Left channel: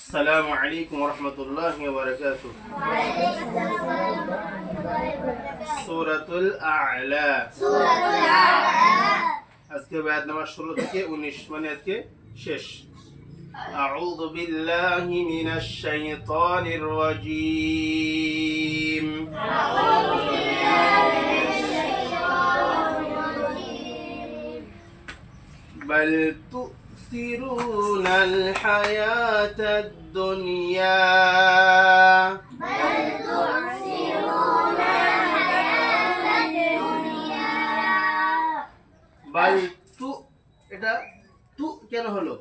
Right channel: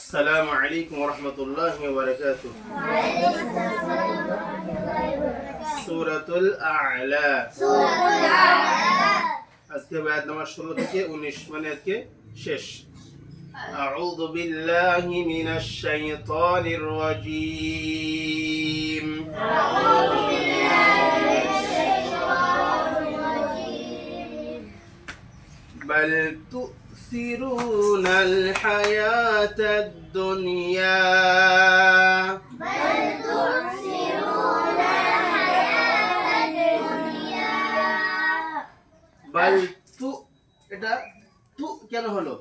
السلام عليكم ورحمة الله وبركاته. سورة الأعلى. আজকে বায়াত নামাজ 16 থেকে 19 মানে আজকে শেষ। أعوذ بالله من الشيطان الرجيم. بل تؤثرون الحياة الدنيا. بل تو এটা তু কেন হলো?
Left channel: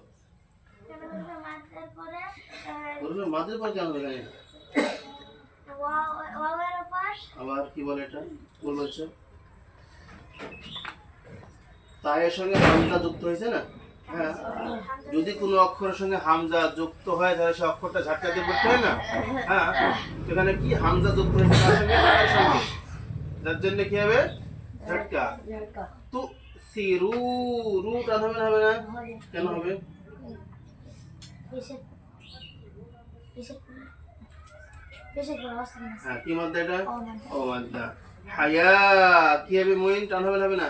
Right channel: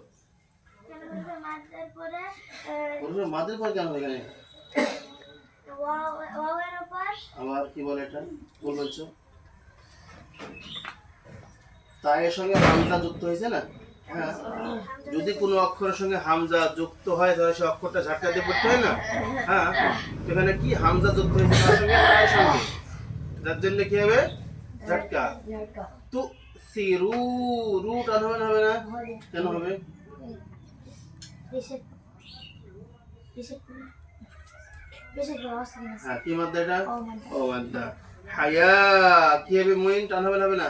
মাদের পর কেন হলো এখানে? আবার কি বলে এটা? ভুল বলছো। তায়ের সঙ্গে হামজা যুক্ত হয়েছে না? হ্যাঁ, যদি কোনো অক্ষরের সঙ্গে হামজা যুক্ত হয় তাহলে সেই অক্ষরটা ঝাটকা দিয়ে পড়তে হয় না? হ্যাঁ, এখানে কি হামজা যুক্ত হয়েছে তার সঙ্গে তায়ের সঙ্গে, যার জন্য কি হবে? ঝাটকা। তু সিরু রু টান হবে না? হবে না? কেন হবে? হ্যাঁ, কি মাদ্দা এটা? ও মাদ্দা। হায়া কি হবে? মুইন টান হবে না? হবে না?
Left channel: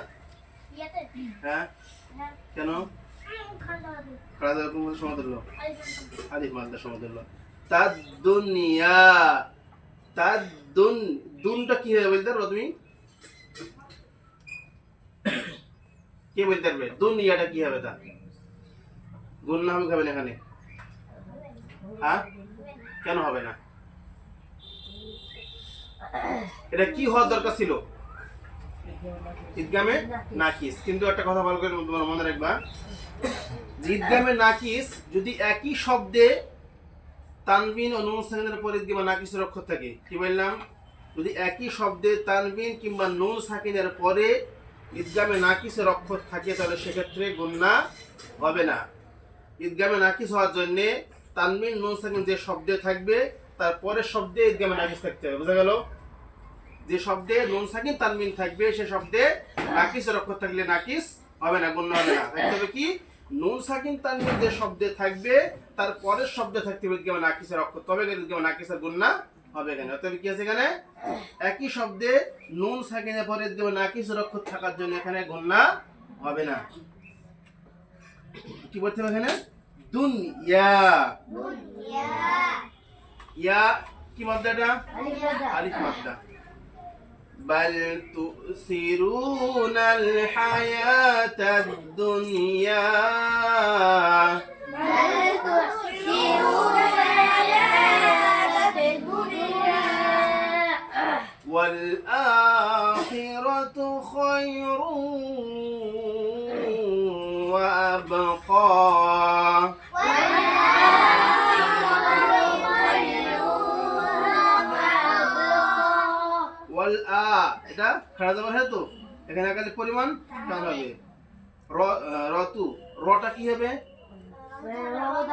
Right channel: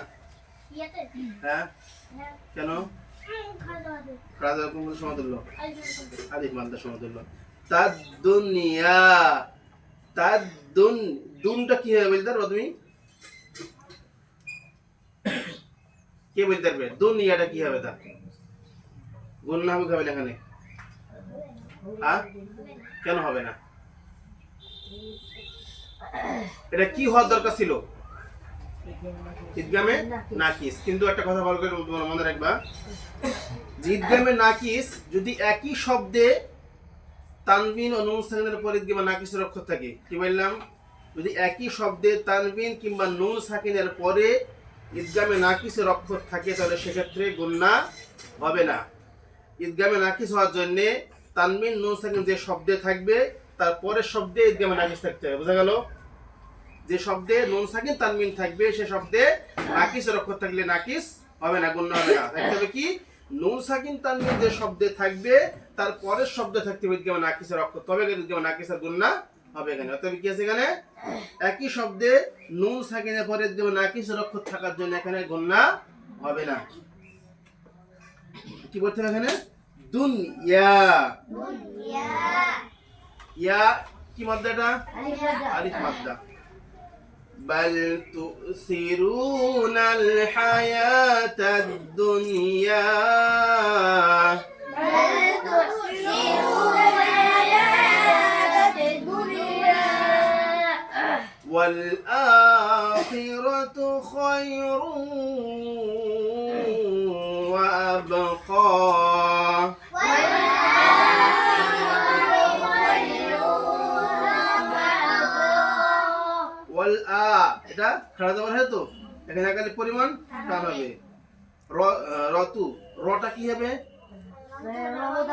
হ্যাঁ, কেন? খাড়া দেওয়ার কোন সমতুল্য? আলিফ মাদ্দা সমতুল্য। তাদ-দুনিয়া, তাদ-দুন, দুনটা কি হবে বলতে পারো তুমি? কে বলতে পারবে? দুনিয়াটা কি হবে? তা গুণনা হবে না এখানে? হ্যাঁ, কেন হবে না? এটা কি হওয়ার দরকার ছিল? ঈদগামে নাকিস। কিন্তু একটা কথা ভালো করে মনে রাখবা, ঈদগামে নাকিস যদি একই শব্দে তানবিন ও নুন সাকিনের পর ঈদগামে নাকিসের অক্ষর থাকে, কি বললাম? যদি একই শব্দে তানবিন কিংবা নুন সাকিনের পরে ঈদগামে নাকিসের অক্ষর থাকে তাহলে সেক্ষেত্রে গুণনা হবে না। ঈদগামে নাকিস হওয়ার জন্য তানবিন নুন সাকিন যে শব্দে থাকবে তার পরের শব্দে ঈদগামে নাকিস থাকতে হবে। বোঝা গেল? যে শব্দে নুন সাকিন তানবিন থাকবে সে শব্দে নাকিসের অক্ষর থাকলে নাকিস হবে না, গুণনা হবে না। থাকতে হবে কি? নুন সাকিন তানবিন যে শব্দে থাকবে তার পরের শব্দে থাকতে হবে ঈদগামে নাকিসের অক্ষর, তবে ঈদগামে নাকিসের গুণনা হবে এখানে। অতএব কি আছে এখানে? একই শব্দে নুন সাকিনের পরে ঈদগামে নাকিসের অক্ষর থাকার জন্য এখানে গুণনা হবে না। কি বলতে হবে এখানে? দুনিয়া। ইয়া কি মাদ্দা এটা? আলিফ মাদ্দা। بل تؤثرون الحياة الدنيا. والآخرة خير وأبقى. এটা খাড়া যাবার হয় তো এখানে একালি পরিমাণ টান হবে। রতু রটা কি হবে?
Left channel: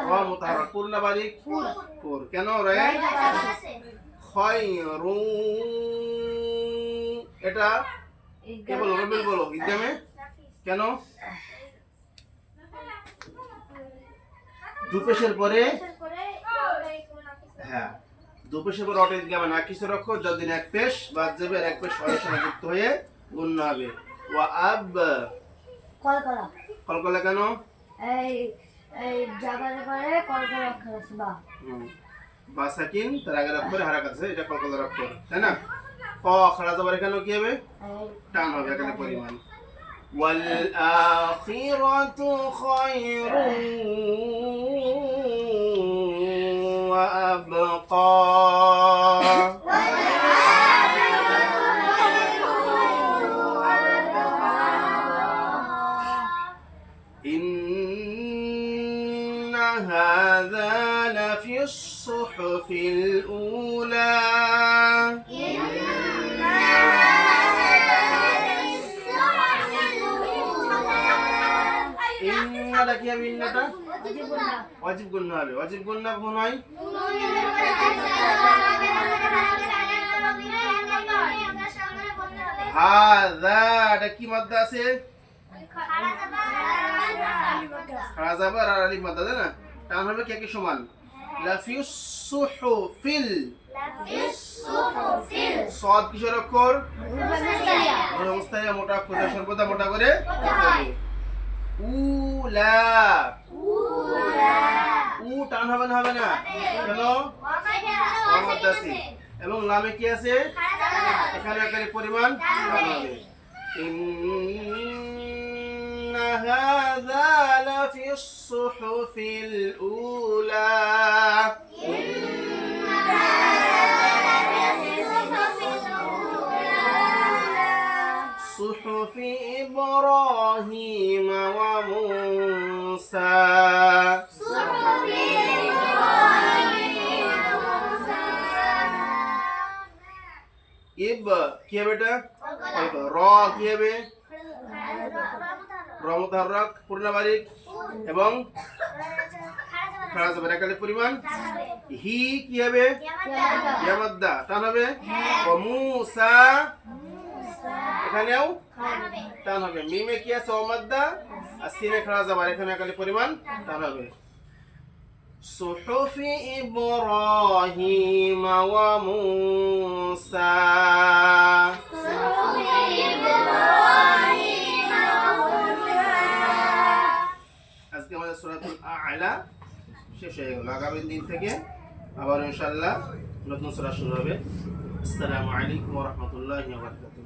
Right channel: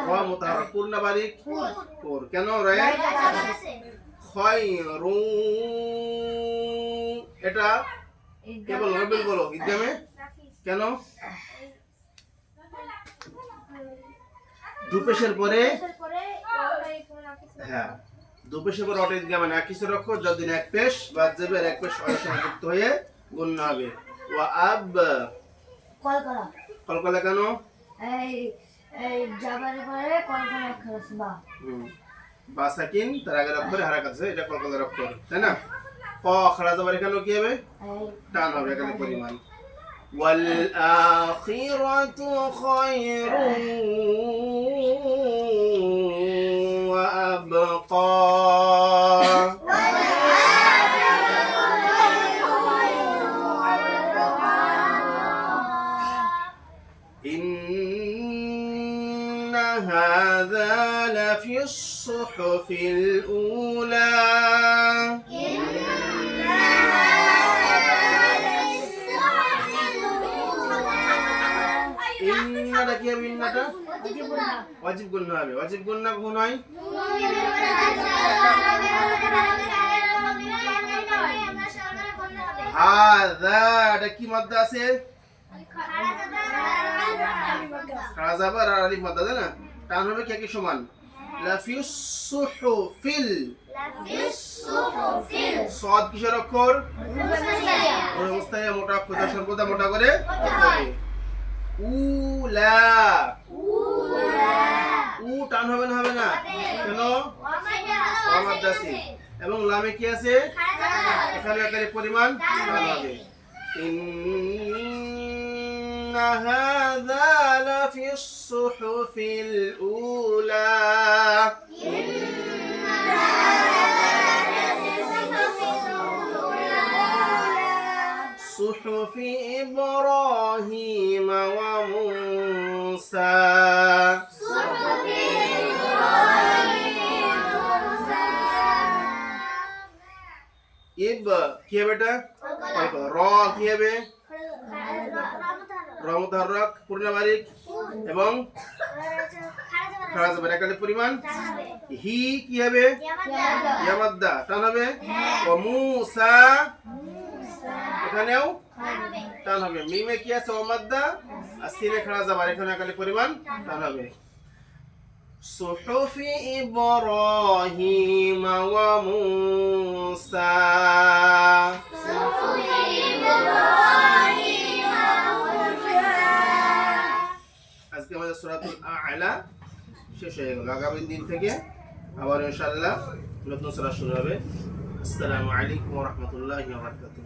র মুতাহাররাক। কুর না বারিক? কুর। কেন? রে খায়রু। এটা কে বলো? রবিল বলো। ঈদগামে কেন? দুপেশের পরে, হ্যাঁ, দুপেশের পরে অটো ঈদগামে নাকিসের অক্ষর যতদিন এক পেশ বাদ যাবে আর এক পেশ অয়ের সঙ্গে যুক্ত হয়ে গুণনা হবে। ওয়া আব কলকলা। কলকলা কেন? এই জাবারের পরে কলকলা অক্ষর আছে বা। বা সাকিন তার আগের অক্ষরে হারাকাত আছে, এটা কলকলার অক্ষর, তাই না? ক খাড়া যাবার এখানে কি হবে? টান হবে এখানে পরিমাণ। ওয়াল আখিরাতু খায়রুন ওয়া আবকা. إن هذا لفي الصحف الأولى. ইন্নাটা কি হবে? ইন্নাটা ওয়াজিব গুণনা হবে। ওয়াজিব গুণনা কোন হয়? হাযা এটা কি মাদ্দা আছে? খাড়া যাবার আর আলিফ মাদ্দা, তাই না? টান হবে কি একই সমান? লাফিস সুহুফিল সদ কিসের অক্ষর মুস্তাহিয়া মোটা অক্ষর সর্বদা মোটা করে পড়তে হবে উলা উ টান হবে না কেন ওয়ামাদাসি এবং লামে কি আছে এখানে আকারে পরিমাণ টান হবে ইন্না হাযা লাফিস সুহুফিল উলা صحف إبراهيم وموسى কি হবে এটা র কি হবে র মুতাহাররাক পূর্ণ বারিক এবং খাড়া যাবে একালে পরিমাণ হি কি হবে ইয়া মাদ্দা টান হবে ও মুসা এখানেও টান হবে মিমে কি আছে ও মাদ্দা আর সিনে খাড়া যাবে এখানে একালে পরিমাণ টান হবে সুহুফি ইব্রাহিম ওয়া মুসা আজকে আমাদের সূরাতুল আ'লা শেষ হয়ে গেল আগামী দিন থেকে আবার ইনশাআল্লাহ নতুন সূরা শুরু হবে আসসালামু আলাইকুম ওয়া রাহমাতুল্লাহি ওয়া বারাকাতুহু